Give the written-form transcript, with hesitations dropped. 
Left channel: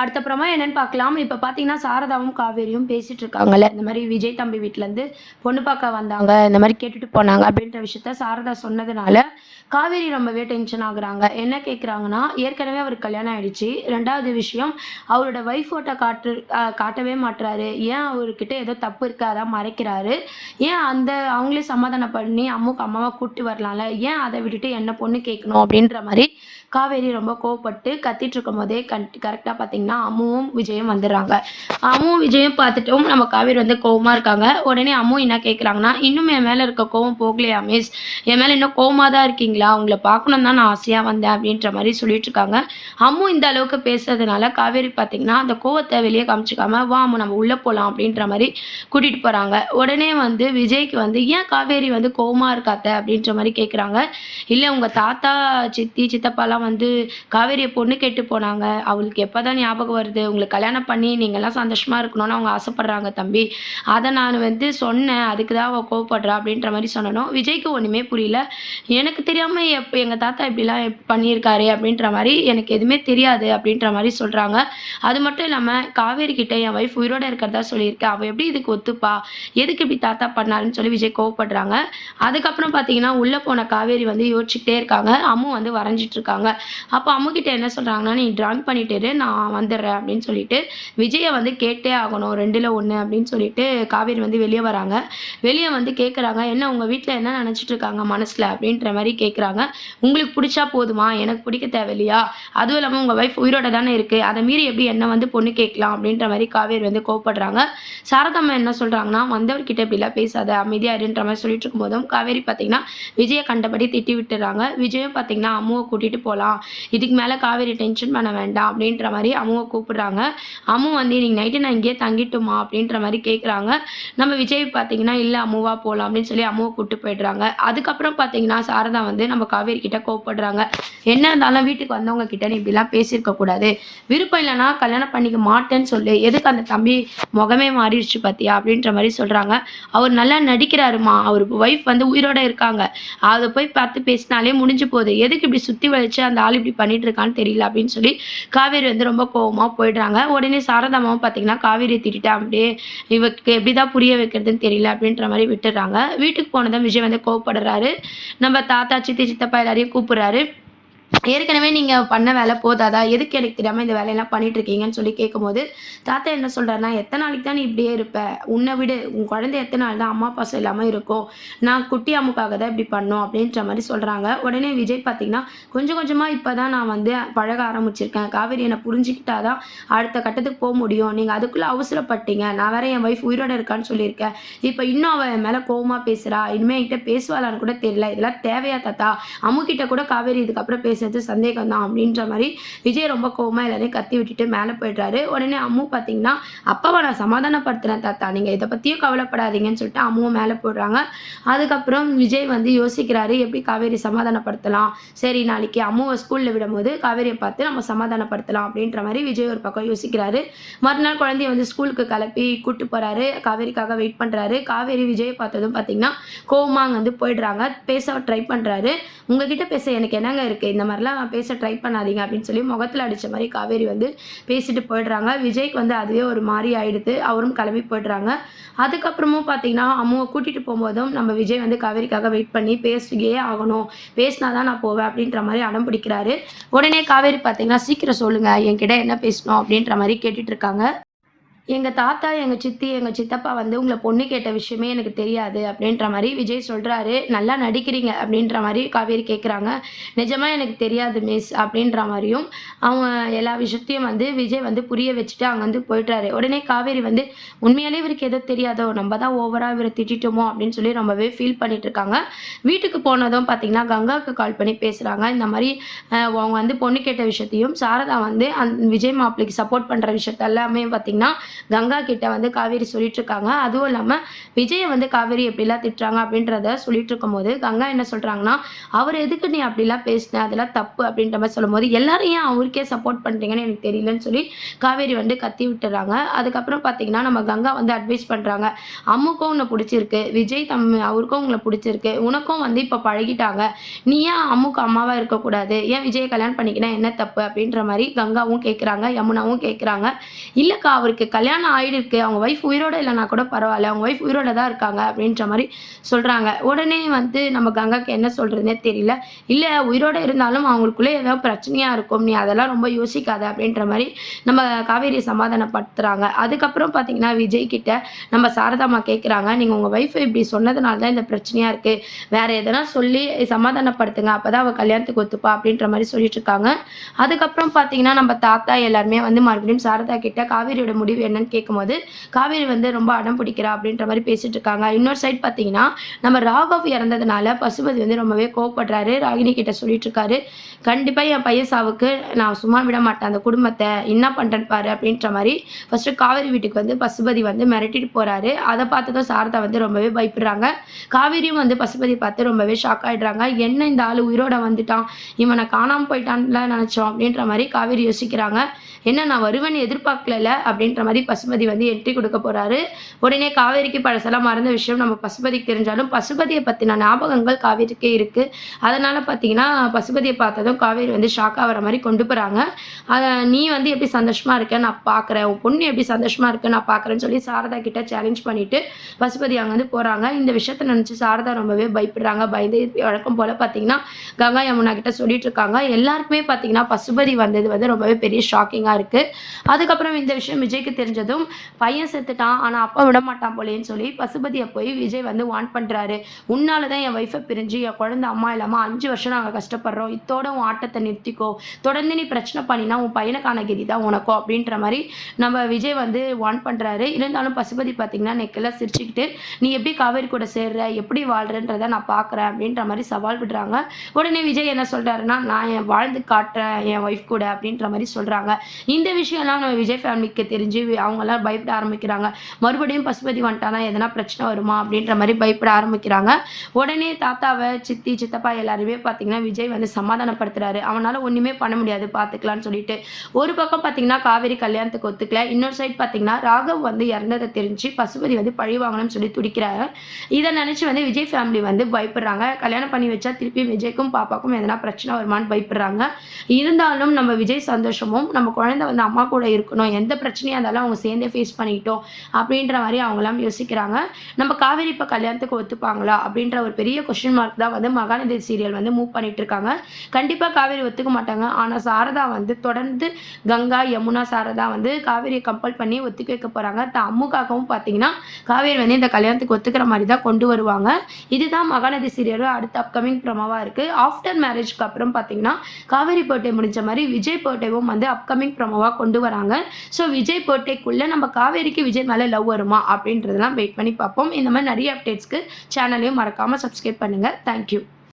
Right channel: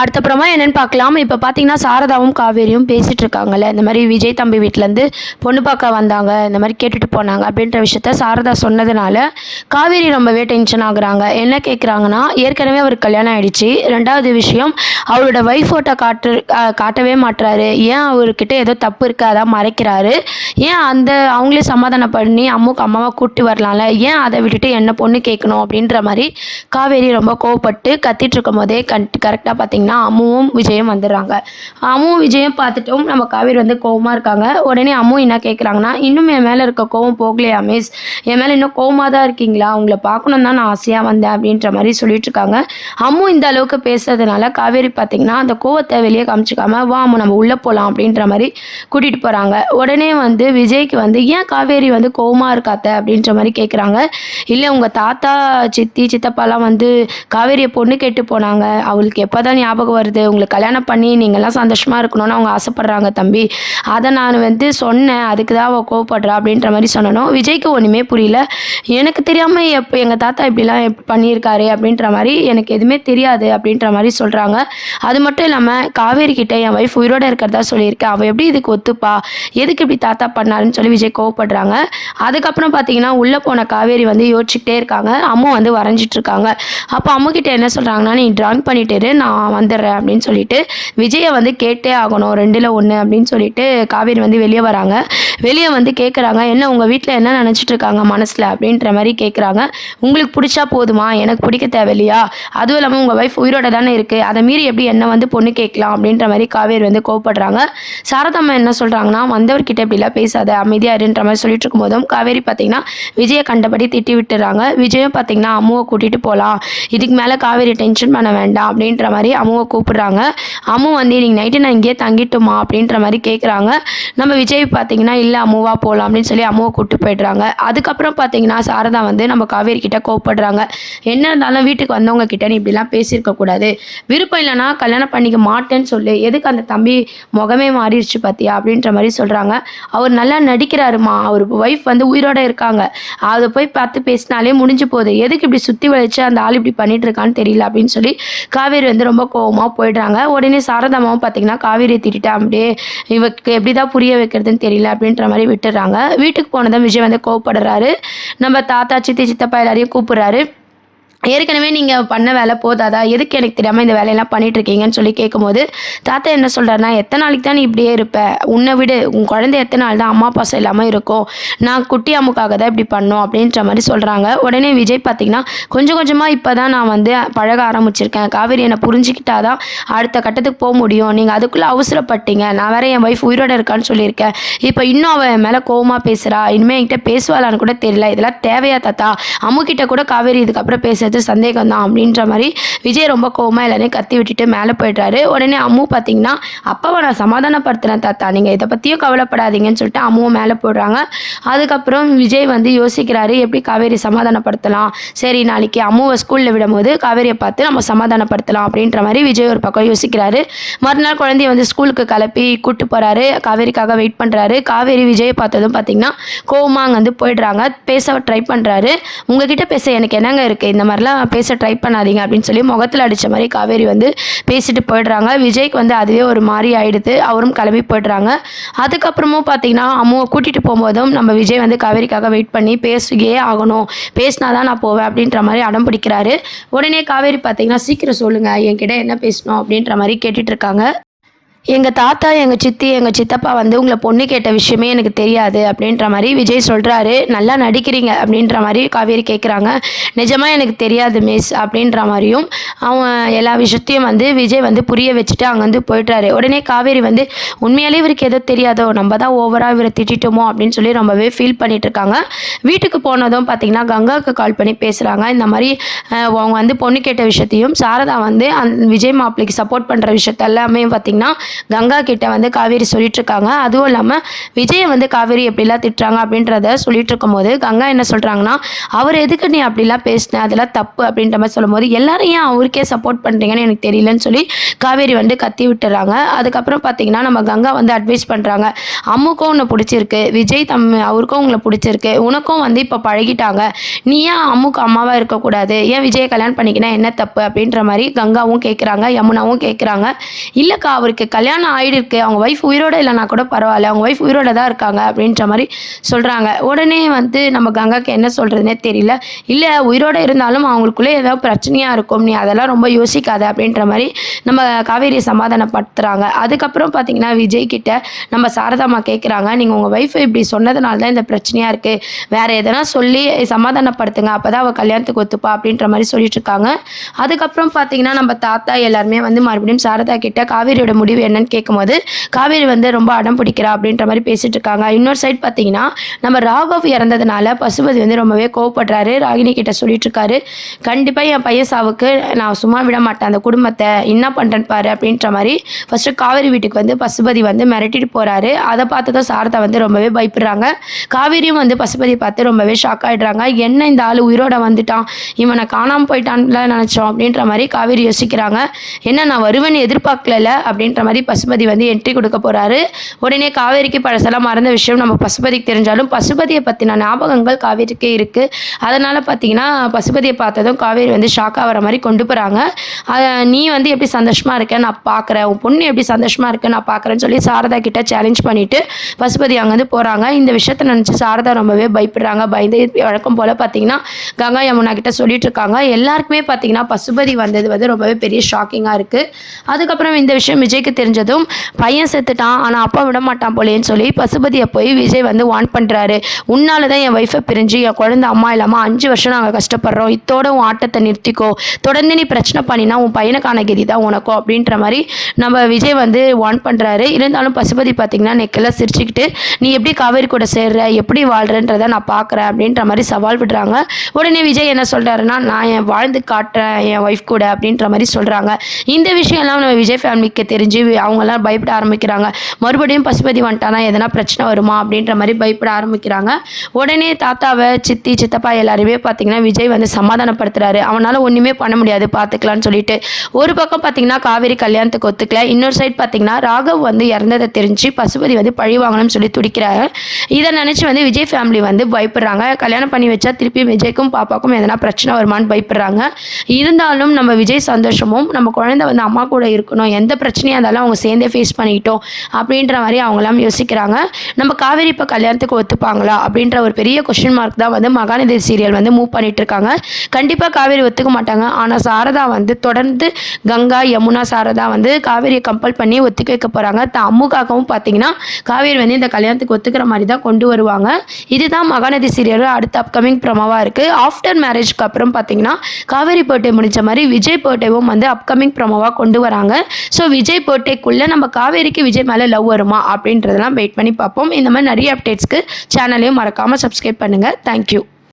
அடுத்தப்புறமா என்னன்னு பார்க்கலாம். இப்போ பார்த்தீங்கன்னா, சாரதாவும் காவேரியும் பேசிட்டு இருக்காங்கல்ல. இந்த மாரி விஜய் தம்பி வீட்லேருந்து பொண்ணு பார்க்க வந்தாங்க. இந்த மாரி கேட்டுட்டு போனாங்க அப்படின்ற விஷயத்த சாரதா சொன்னதுனால, காவேரி ரொம்பவே டென்ஷன் ஆகுறாங்க. என்ன கேட்குறாங்கன்னா, ஏற்கனவே அவருக்கு கல்யாணம் ஆயிடுச்சு. 2வது விஷயம் அவரோட ஒய்ஃப் ஃபோட்டோ காட்டவே மாட்றாரு. ஏன் அவர்கிட்ட ஏதோ தப்பு இருக்கு, அதான் மறைக்கிறாரு. ஏன் அவங்களே சமாதானம் பண்ணி அம்மாவ கூட்டு வரலாம்ல. ஏன் அத விட்டுட்டு என்ன பொண்ணு கேட்கணும் அப்படின்ற மாரி காவேரி ரொம்ப கோவப்பட்டு கத்திட்டு இருக்கும்போதே கரெக்ட்டா பார்த்தீங்கன்னா அம்முவும் விஜயும் வந்துடுறாங்க. அம்முவும் விஜயும் பார்த்துட்டும் நம்ம காவேரி வந்து கோவமா இருக்காங்க. உடனே அம்மு என்ன கேட்குறாங்கன்னா, இன்னும் என் மேலே இருக்க கோவம் போகலையா மிஸ்? என் மேலே இன்னும் கோவமாக தான் இருக்கீங்களா? உங்களை பார்க்கணும் தான் நான் ஆசையாக வந்தேன் அப்படின்ற மாதிரி சொல்லிட்டு இருக்காங்க. அம்மு இந்த அளவுக்கு பேசுறதுனால காவேரி பார்த்தீங்கன்னா அந்த கோவத்தை வெளியே காமிச்சிக்காம வா அம்மு நம்ம உள்ளே போகலாம் அப்படின்ற மாதிரி கூட்டிகிட்டு போகிறாங்க. உடனே வந்து விஜய்க்கு வந்து ஏன் காவேரி வந்து கோவமாக இருக்காத்த அப்படின்ற மாதிரி கேட்குறாங்க. இல்லை உங்கள் தாத்தா சித்தி சித்தப்பாலாம் வந்து காவேரியை பொண்ணு கேட்டு போனாங்க. அவளுக்கு எப்போ தான் ஞாபகம் வருது, உங்களுக்கு கல்யாணம் பண்ணி நீங்கள்லாம் சந்தோஷமாக இருக்கணும்னு அவங்க ஆசைப்பட்றாங்க தம்பி. அதை நான் வந்து சொன்னேன், அதுக்கு தான் அவள் கோவப்படுறா அப்படின்ற மாதிரி சொன்னனும். விஜய்க்கு ஒன்றுமே புரியல. எனக்கு தெரியாமல் எப்போ எங்கள் தாத்தா இப்படிலாம் பண்ணியிருக்காரு அப்படின்ற மாதிரி எனக்கு எதுவுமே தெரியாது அப்படின்ற மாதிரி சொல்கிறாங்க. அது மட்டும் இல்லாமல் காவேரி கிட்ட என் ஒய்ஃப் உயிரோடு இருக்கிறதா சொல்லியிருக்கேன், அவள் எப்படி இதுக்கு ஒத்துப்பா, எதுக்கு இப்படி தாத்தா பண்ணாருன்னு சொல்லி விஜய் கோவப்படுறாங்க. அதுக்கப்புறம் பார்த்தீங்கன்னா உள்ளே போன காவேரி வந்து யோசிச்சுக்கிட்டே இருக்காங்க. அம்மா வந்து வரைஞ்சிட்டு இருக்காங்க. அப்போ அம்முக்கிட்ட என்ன சொல்கிறாங்கன்னா, நீ ட்ராயிங் பண்ணிட்டு நான் வந்துடுறேன் அப்படின்னு சொல்லிட்டு விஜயை வந்து கேட்டே ஆகணும், 2ல் 1 அப்படின்னு சொல்லிட்டு காவேரி வந்து வெளியே வராங்க. வெளியே வந்து கேட்குறாங்க, என்ன உங்கள் வீட்டில் என்ன நினச்சிட்டு இருக்காங்க மனசில் அப்படின்ற மாதிரி கேட்குறாங்க. உங்களுக்கு பிடிச்சா போதுமா, எனக்கு பிடிக்க தேவையில்லையா, அதுவும் இல்லாமல் உங்கள் ஒய்ஃப் உயிரோட தானே இருக்குது, அதை மீறி எப்படி என்ன வந்து பொண்ணு கேட்கலாம் அப்படின்ற மாதிரி காவேரி வந்து கோவப்படுறாங்க. சாரதாம்மா என்ன சொல்கிறாங்கன்னா, வந்தவர்கிட்ட இப்படிலாம் பேசாத அமைதியாக இருன்ற மாதிரி சொல்லிட்டு இருக்கும்போதும் காவேரி பார்த்தீங்கன்னா விஜயை கண்டபடி திட்டி விட்டுறாங்க. விஜயும் பார்த்தீங்கன்னா அம்முவை கூட்டிகிட்டு போகலாம், இதுக்கு மேலே காவேரி டென்ஷன் பண்ண வேண்டாம் அப்படின்ற மாதிரி அம்முவை கூப்பிடுறாங்க. அம்மு வந்து இன்னைக்கு நைட்டு நான் இங்கேயே தங்கிட்டுமா அப்படின்ற மாதிரி கேட்குறாங்க. நம்ம விஜய் பார்த்தீங்கன்னா இல்லை அம்முவா போகலாம் அப்படின்னு சொல்லி அம்முவை கூப்பிட்டு போயிடுறாங்க. அதுக்கப்புறம் பார்த்தீங்கன்னா சாரதா வந்து நம்ம காவேரி கிட்ட கோவப்படுறாங்க. என்ன இருந்தாலும் வீட்டுக்கு வந்தவங்க கிட்ட நீ இப்படிலாம் பேசியிருக்க கூடாது, விருப்பம் இல்லைனா கல்யாணம் பண்ணிக்க மாட்டேன்னு சொல்லு, எதுக்கு அந்த தம்பி முகமே மாறிடுச்சு பார்த்தியா அப்படின்ற மாதிரி சொல்கிறாங்க. அவர் நல்லா நடிக்கிறாருமா, அவர் ஒய்ஃப் வந்து உயிரோடு இருக்காங்க, அதை போய் பார்த்து பேசினாலே முடிஞ்சு போகுது, எதுக்கு இப்படி சுற்றி வளைச்சு அந்த ஆள் இப்படி பண்ணிட்டு இருக்கான்னு தெரியல அப்படின்னு சொல்லி காவேரி வந்து ரொம்ப கோவமாக போயிடுறாங்க. உடனே சாரதாமாவும் பார்த்தீங்கன்னா காவேரியை திட்டிட்டா, அப்படியே இவருக்கு எப்படி தான் புரிய வைக்கிறதுன்னு தெரியல அப்படின்ற மாதிரி விட்டுறாங்க. வீட்டுக்கு போனதும் விஜய் வந்து கோவப்படுறாரு. நம்ம தாத்தா சித்தி சித்தப்பா எல்லாரையும் கூப்பிடுறாரு. ஏற்கனவே நீங்கள் பண்ண வேலை போதாதா, எதுக்கு எனக்கு தெரியாமல் இந்த வேலையெல்லாம் பண்ணிட்டு இருக்கீங்கன்னு சொல்லி கேட்கும்போது தாத்தா என்ன சொல்கிறாருன்னா, எத்தனை நாளைக்கு தான் நீ இப்படியே இருப்ப, உன்னை விடு, உன் குழந்தை எத்தனை நாள் தான் அம்மா பாசம் இல்லாமல் இருக்கும், நான் குட்டி அம்முக்காக தான் இப்படி பண்ணோம் அப்படின்ற மாதிரி சொல்கிறாங்க. உடனே விஜய் பார்த்திங்கன்னா கொஞ்சம் கொஞ்சமாக இப்போ தான் நான் வந்து பழக ஆரம்பிச்சிருக்கேன், காவேரி என்னை புரிஞ்சுக்கிட்டா தான் அடுத்த கட்டத்துக்கு போக முடியும், நீங்கள் அதுக்குள்ளே அவசரப்பட்டீங்க, நான் வேற என் ஒய்ஃப் உயிரோடு இருக்கான்னு சொல்லியிருக்கேன், இப்போ இன்னும் அவன் என் மேலே கோவமாக பேசுகிறா, இனிமேல் என்கிட்ட பேசுவாளான்னு கூட தெரியல, இதெல்லாம் தேவையா தாத்தா, அம்முக்கிட்ட கூட காவேரி இதுக்கப்புறம் பேசுறது சந்தேகம் தான் அப்படின்ற மாதிரி விஜய் ரொம்ப கோவமா எல்லாரையும் கத்தி விட்டுட்டு மேலே போயிடுறாரு. உடனே அம்மு பார்த்தீங்கன்னா அப்பாவை நான் சமாதானப்படுத்துறேன் தாத்தா, நீங்கள் இதை பற்றியும் கவலைப்படாதீங்கன்னு சொல்லிட்டு அம்முவும் மேலே போடுறாங்க. அதுக்கப்புறம் விஜய் வந்து யோசிக்கிறாரு எப்படி காவேரி சமாதானப்படுத்தலாம், சரி நாளைக்கு அம்முவை ஸ்கூலில் விடும்போது காவேரியை பார்த்து நம்ம சமாதானப்படுத்தலாம் அப்படின்ற மாதிரி விஜய் ஒரு பக்கம் யோசிக்கிறாரு. மறுநாள் குழந்தைய வந்து ஸ்கூலுக்கு கிளப்பி கூட்டு போகிறாரு, காவேரிக்காக வெயிட் பண்ணுறாரு. காவேரி விஜயை பார்த்ததும் பார்த்தீங்கன்னா கோவமாக அங்கே வந்து போயிடுறாங்க. பேச ட்ரை பண்ணுறாரு. உங்ககிட்ட பேச எனக்கு என்னங்க இருக்குது, இந்த மாதிரிலாம் பேச ட்ரை பண்ணாதீங்க அப்படின்னு சொல்லி முகத்தில் அடித்த மாதிரி காவேரி வந்து பேசிட்டு போயிடுறாங்க. விஜய்க்கு வந்து அதுவே ஒரு மாதிரி ஆயிடுது, அவரும் கிளம்பி போயிடுறாங்க. அதுக்கப்புறமும் பார்த்தீங்கன்னா அம்மாவை கூட்டிகிட்டு போகும்போதும் நம்ம விஜய் வந்து காவேரிக்காக வெயிட் பண்ணி பேசியே ஆகணும், பேசினா தான் நான் போவேன் அப்படின்ற மாதிரி அடம் பிடிக்கிறாரு. உடனே காவேரி பார்த்தீங்கன்னா சீக்கிரம் சொல்லுங்கள் என்கிட்ட என்ன பேசணும் அப்படின்ற மாதிரி கேட்டுட்டு இருக்காங்க. எங்கள் தாத்தா எங்கள் சித்தி எங்கள் சித்தப்பா வந்து உங்களை பொண்ணு கேட்ட விஷயமே எனக்கு தெரியாது அப்படின்ற மாதிரி விஜய் சொல்கிறாரு. நல்லா நடிக்கிறீங்க அப்படின்ற மாதிரி காவேரி கேட்குறாங்க. நிஜமாக எனக்கு தெரியாது மிஸ் அப்படின்ற மாதிரியும் அவன் எல்லா விஷயத்தையும் வந்து விஜய் வந்து புரிய வச்சுட்டு அங்கே வந்து போய்ட்றாரு. உடனே காவேரி வந்து உண்மையாலே இவருக்கு எதோ தெரியாதோ, நம்ம தான் ஓவராக இவரை திட்டோமோ அப்படின்னு சொல்லி ரொம்பவே ஃபீல் பண்ணிட்டு இருக்காங்க. வீட்டுக்கு போனதும் பார்த்திங்கன்னா கங்காவுக்கு கால் பண்ணி பேசுகிறாங்க. இந்த மாதிரி அவங்க வந்து பொண்ணு கேட்ட விஷயத்தையும் சாரதா வந்து விஜய் மாப்பிள்ளைக்கு சப்போர்ட் பண்ணுற விஷயத்த எல்லாமே பார்த்திங்கன்னா கங்கா கிட்ட வந்து காவேரி சொல்லிட்டு இருக்காங்க. அதுவும் இல்லாமல் விஜயை வந்து காவேரி எப்படிலாம் திட்டுறாங்க அப்படின்றத சொல்லிட்டு இருக்கும்போது கங்கா என்ன சொல்கிறாங்கன்னா, அவர் எதுக்கு நீ அப்படிலாம் பேசின, அதெல்லாம் தப்பு அப்படின்ற மாதிரி சொல்லும்போது எல்லாரும் ஏன் அவருக்கே சப்போர்ட் பண்ணுறீங்கன்னு எனக்கு தெரியலன்னு சொல்லி காவேரி வந்து கத்தி விட்டுறாங்க. அதுக்கப்புறம் பார்த்தீங்கன்னா நம்ம கங்கா வந்து அட்வைஸ் பண்ணுறாங்க, அம்முக்கும் உன்னை பிடிச்சிருக்கு, விஜய் அவருக்கும் உங்களை பிடிச்சிருக்கு, உனக்கும் வந்து இப்போ பழகிட்டாங்க, நீ ஏன் அம்முக்கு அம்மாவாக இருக்கக்கூடாது, ஏன் விஜயை கல்யாணம் பண்ணிக்கினா என்ன தப்பு அப்படின்ற மாதிரி கங்காவும் கேட்குறாங்க, யமுனாவும் கேட்குறாங்க. இல்லைக்கா அவருக்கு கல்யாணம் ஆகிடுருக்கு, அவங்க ஒய்ஃப் உயிரோடு இல்லைனா கூட பரவாயில்ல, அவங்க ஒய்ஃப் உயிரோட தான் இருக்காங்க அப்படின்ற மாதிரி சொல்கிறாங்க. உடனே வந்து நம்ம கங்காக்கு என்ன சொல்கிறதுனே தெரியல. இல்லை உயிரோடு இருந்தாலும் அவங்களுக்குள்ளே ஏதாவது பிரச்சனையாக இருக்கும், நீ அதெல்லாம் ரொம்ப யோசிக்காத அப்படின்ற மாதிரி நம்ம காவேரியை சமாதானப்படுத்துகிறாங்க. அதுக்கப்புறம் பார்த்தீங்கன்னா விஜய் கிட்ட நம்ம சாரதாம்மா கேட்குறாங்க, நீங்கள் உங்கள் ஒய்ஃபை இப்படி சொன்னதுனால தான் இந்த பிரச்சனையாக இருக்குது, வேறு எதனா சொல்லி சமாதானப்படுத்துங்க, அப்போ தான் அவள் கல்யாணத்துக்கு ஒத்துப்பா அப்படின்ற மாதிரி சொல்லிட்டு இருக்காங்க. அதுக்கப்புறம் பார்த்தீங்கன்னா நம்ம தாத்தா எல்லாருமே வந்து மறுபடியும் சாரதா கிட்ட காவேரியோட முடிவு என்னன்னு கேட்கும்போது காவேரி வந்து ரொம்ப அடம் பிடிக்கிறா அப்படின்ற மாதிரி பேசிட்டு இருக்காங்க. இன்னொரு சைட் பார்த்தீங்கன்னா நம்ம ராகவ் இறந்ததுனால பசுபதி வந்து ரொம்பவே கோவப்படுறாரு. ராகினி கிட்ட சொல்லிட்டு இருக்காரு, கண்டிப்பாக என் பையன் சாவுக்கு நான் சும்மா விட மாட்டேன், அந்த குடும்பத்தை என்ன பண்ணுறேன்னு பாரு அப்படின்ற மாதிரி ஃபஸ்ட்டு காவேரி வீட்டுக்கு வந்து பசுபதி வந்து மிரட்டிட்டு போகிறாரு. அதை பார்த்ததும் சாரதா வந்து ரொம்பவே பயப்படுறாங்க. காவேரியும் வந்து பசுபதியை பார்த்து ரொம்பவே ஷாக் ஆகிடுறாங்க. என்ன இந்த ஆள் உயிரோட வந்துட்டான், இவனை காணாமல் போயிட்டான்ல நினச்சோம் அப்படின்ற மாதிரி காவேரி யோசிக்கிறாங்க. என்ன நான் வருவேன்னு எதிர்பார்க்கல அப்படின்ற மாதிரி பசுபதி வந்து என்ட்ரி கொடுக்க போகிறாரு. உடனே காவேரிக்கு பழசெல்லாம் மறந்த விஷயம் நம்ம பசுபதிக்கு தெரிஞ்சாலும் பசுபதியை பற்றின ஞாபகங்கள் காவேரிக்கே இருக்குது. அதனால் பார்த்தீங்கன்னா பசுபதியை பார்த்ததும் காவேரி வந்து ஷாக் ஆகிற மாதிரி கொண்டு போகிறாங்க. நீ வந்து எப்படி சந்தோஷமாக இருக்க நான் பார்க்குறேன், உன் பொண்ணு எப்படி சந்தோஷமாக இருக்கு நான் பார்க்குறேன்னு சொல்லி சாரதா கிட்ட சேலஞ்ச் பண்ணிவிட்டு பசுபதி அங்கேருந்து போகிறாங்க. இந்த விஷயத்தை நினச்சி சாரதா ரொம்பவே பயப்படுறாங்க. பயந்து வழக்கம் போல் பார்த்தீங்கன்னா கங்கா யமுனா கிட்ட சொல்லிட்டு இருக்காங்க. எல்லாருக்குமே பார்த்தீங்கன்னா பசுபதி வந்தது வந்து ரொம்பவே பெரிய ஷாக்கிங்காக இருக்குது. அதுக்கப்புறம் இந்த விஷயம் விஜய்க்கு தெரிஞ்சதும் பையன் செத்துட்டான் ஆனால் அப்பா விட மாட்டான் போலேன்னு சொல்லி பசுபதியை போய் விஜய் வந்து வான் பண்ணுறாரு. உன்னால தான் என் ஒய்ஃபை பிரிஞ்சு என் குழந்தை அம்மா இல்லாமல் 5 வருஷம் நாங்கள் கஷ்டப்படுறோம், இத்தோட உன் ஆட்டத்தை நிறுத்திக்கோ, தொடர்ந்து நீ பிரச்சனை பண்ணினா உன் பையனுக்கான கதி தான் உனக்கும் அப்படின்ற மாதிரி நம்ம விஜய் வந்து வான் பண்ணுறாரு. இருந்தாலும் பசுபதி பார்த்திங்கன்னா நெக்கெல்லாம் சிரிச்சுக்கிட்டு நீ எப்படி காவேரி கூட சேர்ற, எப்படி வாழ்கிறன்றதை நான் பார்க்குறேன் அப்படின்ற மாதிரி சவால் விடுறாங்க. உடனே விஜய் என்ன சொல்கிறாருன்னா, நான் என் வாழ்ந்து காட்டுறேன் என் ஒய்ஃப் கூட அப்படின்ற மாதிரி சொல்கிறாங்க. இந்த விஷயம்லாம் நம்ம விஜய் ஃபேமிலிக்கு தெரிஞ்சு அவங்கெல்லாம் பயப்பட ஆரம்பிக்கிறாங்க. மறுபடியும் பசுபதி வந்துட்டானா எதனா பிரச்சனை வருமா அப்படின்ற மாதிரி பயப்பட ஆரம்பிக்கிறாங்க. உடனே தாத்தாவை சித்தி சித்தப்பா எல்லாருமே பார்த்திங்கன்னா விஜய் வந்து சமாதானப்படுத்துகிறாரு. அவனால் ஒன்றுமே பண்ண முடியாது பார்த்துக்கலான்னு சொல்லிட்டு. ஒரு பக்கம் பார்த்திங்கன்னா காவேரி கல்யாணத்துக்கு ஒத்துக்கல, இன்னொரு சைட் பார்த்திங்கன்னா ராகவ் வந்து இறந்ததை தெரிஞ்சு பசுபதி வந்து பழி வாங்கணும்னு சொல்லி துடிக்கிறாங்க. இதை நினச்சி வந்து விஜய் ஃபேமிலி வந்து பயப்படுறாங்க. கல்யாணம் பண்ணி வச்சா திருப்பி விஜய்க்கும் பாப்பாக்கும் எதனா பிரச்சனை வருமானு பயப்படுறாங்க. இருந்தாலும் நம்ம விஜய் சந்தோஷமும் நம்ம குழந்தை வந்து அம்மா கூட இருக்கணும், எந்த பிரச்சனையாக இருந்தாலும் அவங்க சேர்ந்தே ஃபேஸ் பண்ணிக்கிட்டோம் அப்படின்ற மாதிரி அவங்களாம் யோசிக்கிறாங்க. நம்ம காவேரி இப்போ கல்யாணத்துக்கு ஒத்துப்பாங்களா அப்படின்ற ஒரு பெரிய கொஸ்டின் மார்க் தான் வந்து மகாநதி சீரியல் வந்து மூவ் பண்ணிட்டு இருக்காங்க. கண்டிப்பாக காவேரி ஒத்துக்க மாட்டாங்க. ஆனால் சாரதா வந்து தொடர்ந்து கங்கா யமுனா சாரதா வந்து காவேரியை கம்பல் பண்ணி ஒத்துக்க வைக்க போகிறாங்க. அம்முக்காகவும் பார்த்தீங்கன்னா காவேரி வந்து இந்த கல்யாணத்துக்கு ஒத்துக்கிற மாதிரி தான் கொண்டு வருவாங்க. இதுதான் மகாநதி சீரியலோட அடுத்த அப்கமிங் ப்ரோமோவாக இருக்குது. ஆஃப்டர் மேரேஜ்க்கு அப்புறம் பார்த்தீங்கன்னா காவேரி பர்த்டே முடிஞ்ச மாதிரி விஜய் பர்த்டேவும் வந்து அப்கமிங் ப்ரோமோவாக கொண்டு வராங்க. ஸோ விஜய் பர்த்டேக்குள்ளே நம்ம காவேரிக்கு விஜய் மேலே லவ் வருமா அப்படின்றதெல்லாம் வெயிட் பண்ணி பார்ப்போம். இந்த மாதிரி நிறைய அப்டேட்ஸ்க்கு சேனலையும் மறக்காமல் சப்ஸ்கிரைப் பண்ணுங்கள். தேங்க்யூ.